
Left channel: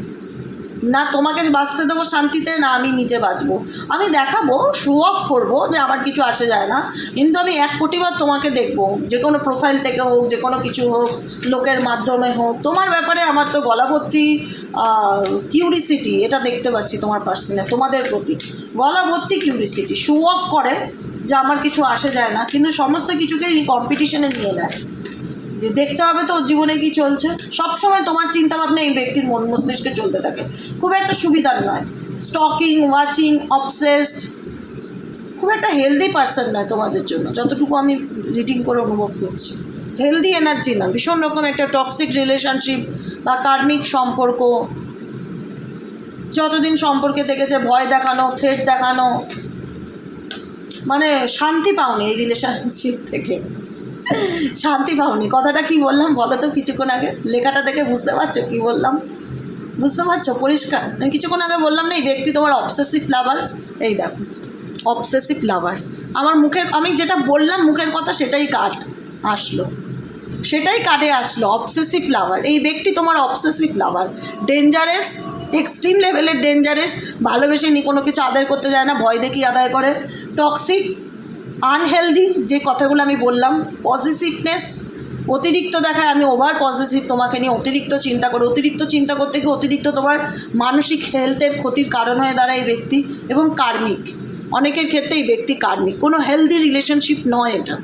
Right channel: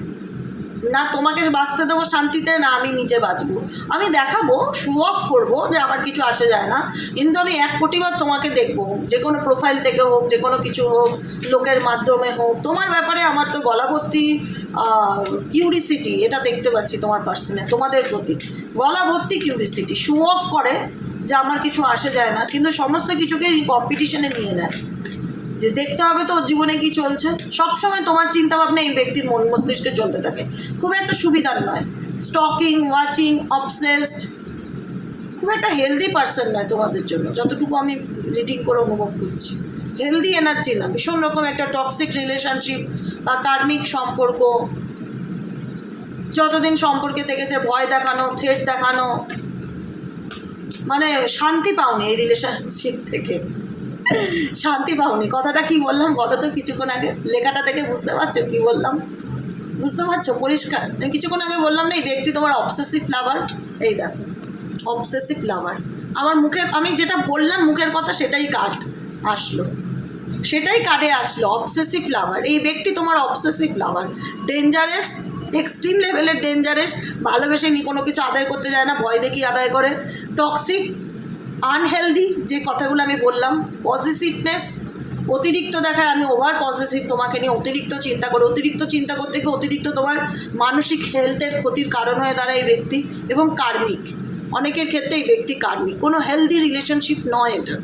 না তোমাকে বাঁচতে দেবো শান্তিতে, না আমি নিজে বাঁচবো, আমি দেখাবো, শো অফ করবো যে আমার কিছু আসে যায় না, কিন্তু আমি 1 কোটিবার তোমাকে দেখবো, যে কোনো প্রোফাইল থেকে হোক, যে কোনো কিছু হোক, লোকের মাধ্যমে হোক, তোমার ব্যাপারে আমার তো গলা ভর্তি কিউরিসিটি, এটা দেখতে পাচ্ছি তোমার পার্সনে, তোমাদের প্রতি গলা ভর্তি কিউরিসিটি। শো অফ করে যে আমার কিছু আসে যায় না, কিন্তু সমস্ত কিছুকে কম্পিটিশনে নিয়ে নেয়, যে দেখতে হবে তো ওর জীবনে কী চলছে। সবসময় তোমার চিন্তাভাবনা এই ব্যক্তির মন মস্তিষ্কে চলতে থাকে, খুব একটা সুবিধার নয়। স্টকিং, ওয়াচিং, অবসেসড, খুব একটা হেলদি পার্সন নয় তোমাদের জন্য, যতটুকু আমি রিডিং করে অনুভব করছি। হেলদি এনার্জি না, ভীষণ রকম একটা টক্সিক রিলেশনশিপ বা কার্মিক সম্পর্ক, যতদিন সম্পর্কে থেকেছে ভয় দেখানো, থ্রেট দেখানো, মানে শান্তি পাওনি এই রিলেশনশিপ থেকে, শান্তি পাওনি। কথাটা কি বললাম বলো তো কিছুক্ষণ আগে, লেখাটা দেখে বুঝতে পারছো কি বললাম, বুঝতে পারছো পরিষ্কার? আমি কিছুক্ষণ আগে বললাম না এই ব্যক্তি তোমার অবসেসিভ লাভার, এই দেখো অবসেসিভ লাভার। আমার মুখের, আমি যেটা বললাম মুখের কথা সেটাই আসলো, সেটাই কার্ডে আসলো, অবসেসিভ লাভার। এই ব্যক্তি তোমার অবসেসিভ লাভার, ডেঞ্জারাস, এক্সট্রিম লেভেলের ডেঞ্জারাস, ভালোবেসে নি কোনো কিছু আদায় করতে যায় না, ভয় দেখিয়ে আদায় করে, টক্সিক, আনহেলদি, যে কথাগুলো আমি বললাম, পজিটিভনেস অতিরিক্ত দেখায়, আমি ওভার পজিটিভ তোমাকে নিয়ে, অতিরিক্ত চিন্তা করে, অতিরিক্ত চিন্তা করতে গিয়ে অতিরিক্ত তোমার মানসিক হেলথের ক্ষতির কারণ হয়ে দাঁড়ায় এই ব্যক্তি। এবং কার্মিক, অনেকের ক্ষেত্রে এই ব্যক্তি কার্মিক, কোনো হেলদি রিলেশনশিপ নয় এটা।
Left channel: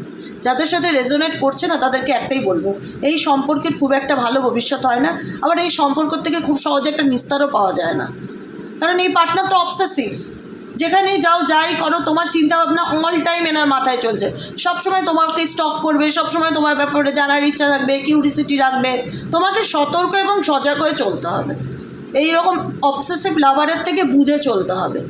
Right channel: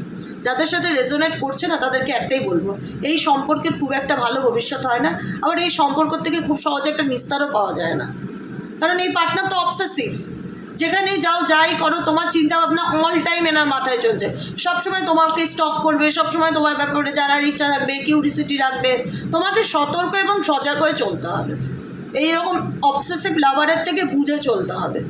যাদের সাথে রেজোনেট করছে না তাদেরকে একটাই বলবো, এই সম্পর্কের খুব একটা ভালো ভবিষ্যৎ হয় না, আবার এই সম্পর্ক থেকে খুব সহজে একটা নিস্তারও পাওয়া যায় না, কারণ এই পার্টনার তো অবসেসিভ। যেখানেই যাও যাই করো তোমার চিন্তাভাবনা অল টাইম এনার মাথায় চলছে, সবসময় তোমাকে স্টক করবে, সবসময় তোমার ব্যাপারে জানার ইচ্ছা রাখবে, কিউরিসিটি রাখবে, তোমাকে সতর্ক এবং সজাগ হয়ে চলতে হবে। এইরকম অবসেসিভ লাভারের থেকে বুঝে চলতে হবে,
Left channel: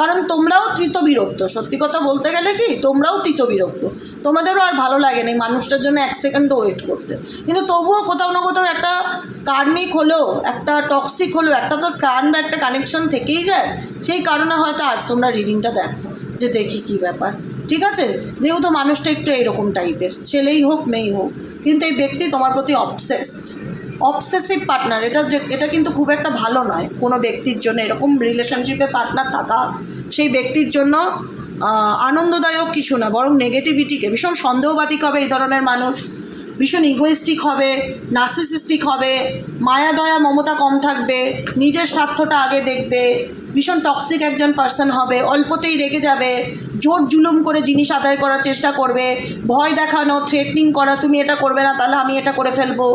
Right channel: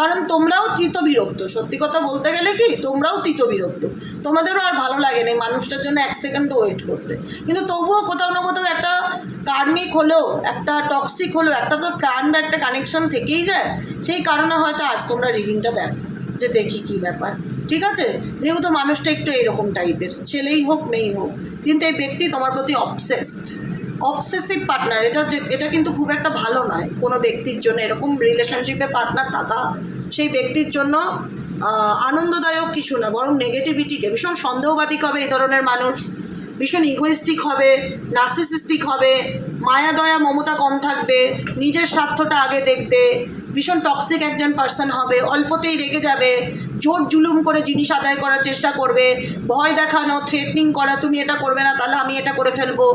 কারণ তোমরাও তৃতবিরক্ত, সত্যি কথা বলতে গেলে কি তোমরাও তৃতবিরক্ত, তোমাদেরও আর ভালো লাগে না মানুষটার জন্য 1 সেকেন্ডও ওয়েট করতে, কিন্তু তবুও কোথাও না কোথাও একটা কার্মিক হলেও, একটা টক্সিক হলেও, একটা তো টান বা একটা কানেকশন থেকেই যায়। সেই কারণে হয়তো আজ তোমরা রিডিংটা দেখো, যে দেখি কী ব্যাপার, ঠিক আছে? যেহেতু মানুষটা একটু এইরকম টাইপের, ছেলেই হোক মেয়েই হোক, কিন্তু এই ব্যক্তি তোমার প্রতি অবসেসিভ পার্টনার, এটা কিন্তু খুব একটা ভালো নয় কোনো ব্যক্তির জন্য। এরকম রিলেশনশিপে পার্টনার থাকা সেই ব্যক্তির জন্য আনন্দদায়ক কিছু না, বরং নেগেটিভিটিকে, ভীষণ সন্দেহবাদী হবে এই ধরনের মানুষ, ভীষণ ইগোয়েস্টিক হবে, নার্সিসিস্টিক হবে, মায়া দয়া মমতা কম থাকবে, নিজের স্বার্থটা আগে দেখবে, ভীষণ টক্সিক একজন পার্সন হবে, অল্পতেই রেগে যাবে, জোর জুলুম করে জিনিস আদায় করার চেষ্টা করবে, ভয় দেখানো, থ্রেটনিং করা, তুমি এটা করবে না তাহলে আমি এটা করে ফেলবো,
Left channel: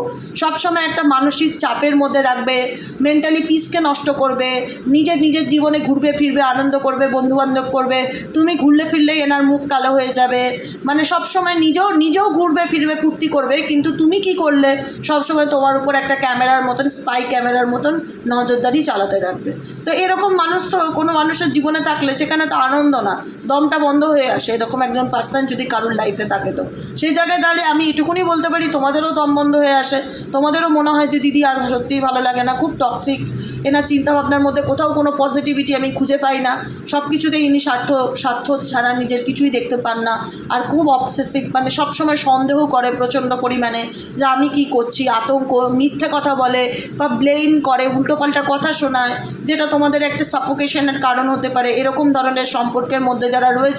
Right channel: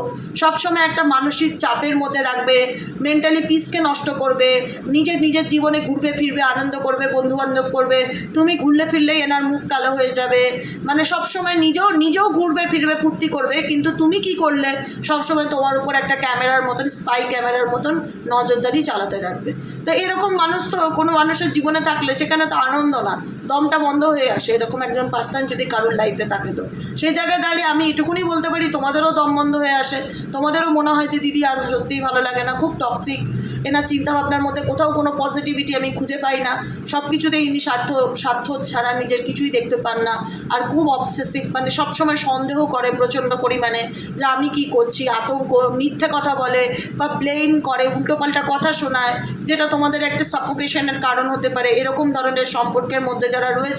সবসময় একটা মানসিক চাপের মধ্যে রাখবে, মেন্টালি পিসকে নষ্ট করবে, নিজের জীবনে ঘুরবে ফিরবে, আনন্দ করবে, বন্ধুবান্ধব করবে, তুমি ঘুরলে ফিরলেই এনার মুখ কালো হয়ে যাবে, মানে সবসময় নিজেও ঘুরবে ফিরবে, ফুর্তি করবে, কিন্তু তুমি কি করলে সবসময় তোমার উপর একটা ক্যামেরার মতন, স্পাই ক্যামেরার মতন নজরদারি চালাতে রাখবে। তো এরকম মানুষ তো কোনো মানুষের জীবনে থাকলে সেখানে তো আনন্দ না, দমটা বন্ধ হয়ে আসে। এরকম একজন পার্সন যদি কারোর লাইফে থাকে তো সেই জায়গায় দাঁড়িয়ে আমি এটুকুনি বলতে পারি, তোমাদেরও দম বন্ধ হয়ে আসে, তোমাদেরও মনে হয় যে দিদি আর সত্যিই ভালো লাগে না, খুব টক্সিক, এনার চিন্তাভাবনার মধ্যে কোথাও কোনো পজিটিভিটি আমি খুঁজে পাই না, সব কিছুতেই ইনি স্বার্থ ছাড়া নিজের কিছুই দেখতে পান না, আর খুব অবসেসিভ, মানে সবসময় সন্দেহ করে প্রচণ্ড পরিমাণে যে আমি কি করছি, আতঙ্ক, মিথ্যে কথা বলে বা ব্লেম করে, উল্টোপাল্টা কথা শোনায়, যেটা তোমাদের একটা সাফোকেশনের কারণ হতে পারে। এরকম ধরনের সম্পর্কের মধ্যে যারা রয়েছে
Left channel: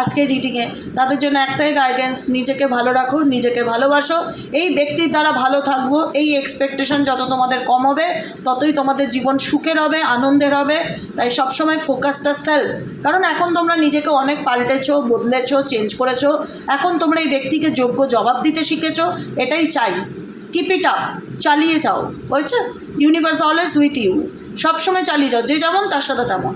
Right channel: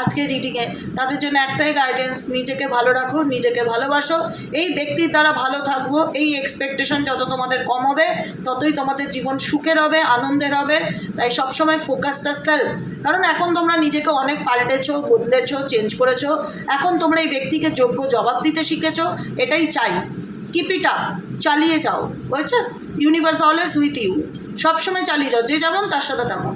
আজকে রিডিংয়ে, তাদের জন্য একটাই গাইডেন্স, নিজেকে ভালো রাখো, নিজেকে ভালোবাসো, এই ব্যক্তির দ্বারা ভালো থাকবো, এই এক্সপেকটেশন যত তোমাদের কম হবে ততই তোমাদের জীবন সুখের হবে, আনন্দের হবে। তাই সবসময় ফোকাসটা সেলফ, কারণ এখন তোমরা নিজেকে অনেক পাল্টেছো, বদলেছো, চেঞ্জ করেছো, এখন তোমরা এই ব্যক্তিকে যোগ্য জবাব দিতে শিখেছো, এটাই চাই। কিপ ইট আপ, চালিয়ে যাও, বুঝছো? ইউনিভার্স অলওয়েজ উইথ ইউ, সবসময় চালিয়ে যাও, যে যেমন তার সাথে তেমন।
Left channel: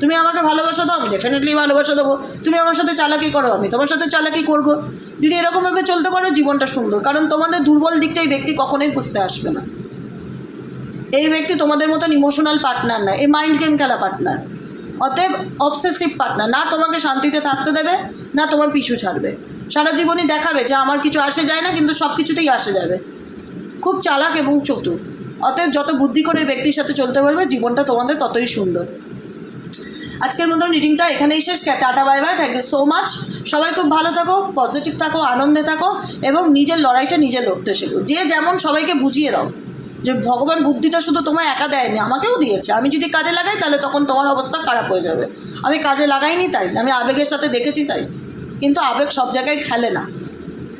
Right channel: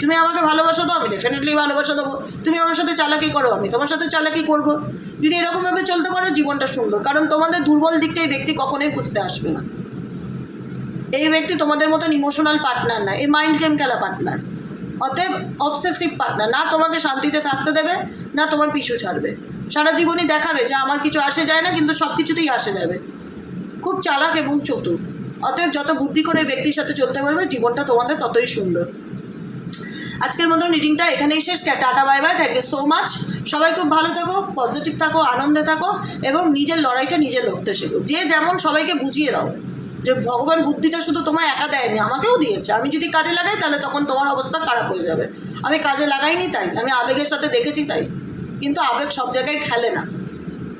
তুমি আমাকে ভালোবাসা দাও, আমি ডেফিনেটলি ভালোবাসা দেবো। তুমি আমার সাথে চালাকি করো, আমি তোমার সাথে চালাকি করবো। যদি এরকমভাবে চলতে পারো, জীবনটা সুন্দর। কারণ তোমাদের দুর্বল দিকটা এই ব্যক্তি কখনোই বুঝতে আসবে না। এই ব্যক্তি তোমাদের মতন ইমোশনাল পার্টনার না, এই মাইন্ড গেম খেলা পার্টনার। অতএব অবসেসিভ পার্টনার, না তোমাকে শান্তিতে থাকতে দেবে, না তোমার পিছু ছাড়বে। সারা জীবনই দেখাবে যে আমার কিছু আসে যায় না, কিন্তু সব কিছুতেই আসে যাবে। খুব চালাক এবং চতুর। অতএব যত বুদ্ধি করে এই ব্যক্তির সাথে চলতে পারবে, জীবনটা তোমাদের ততই সুন্দর। আজকের মতন রিডিংটা এখানেই শেষ। Tata, bye bye, thank you so much. সবাই খুব ভালো থাকো, পজিটিভ থাকো, আনন্দে থাকো এবং নিজের লড়াইটা নিজে লড়তে শেখো। যে যেমন সবাইকে বুঝিয়ে দাও যে ভগবান বুদ্ধিটা শুধু তোমায় একা দেয়নি, আমাকেও দিয়েছে। আমি যদি কাজে লাগাই তাহলে তখন তোমার অবস্থা খারাপ হয়ে যাবে। আমি কাজে লাগাইনি তাই, আমি আবেগের সাথে দেখেছি তাই। কিন্তু আবেগ সব জায়গায় খেলে না।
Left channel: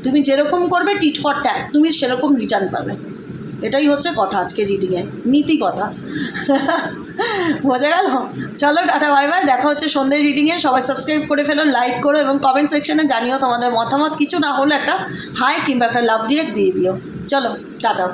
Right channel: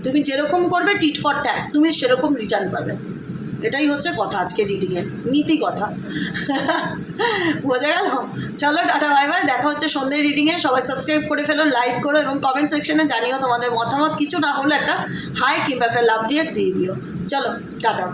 তুমি যেরকম করবে টিট ফর ট্যাট, তুমি সেরকম রিটার্ন পাবে। এটাই হচ্ছে কথা আজকে রিডিংয়ে, নীতি কথা। বোঝা গেল? চলো টাটা, বাই বাই, দেখা হচ্ছে সন্ধ্যের রিডিংয়ে। সবাই সাবস্ক্রাইব করে ফেলো, লাইক করো এবং কমেন্ট সেকশনে জানিও তোমাদের মতামত। কিছু না হলে একটা হাই কিংবা একটা লাভ রিয়েক্ট দিয়ে দিও। চলো টাটা।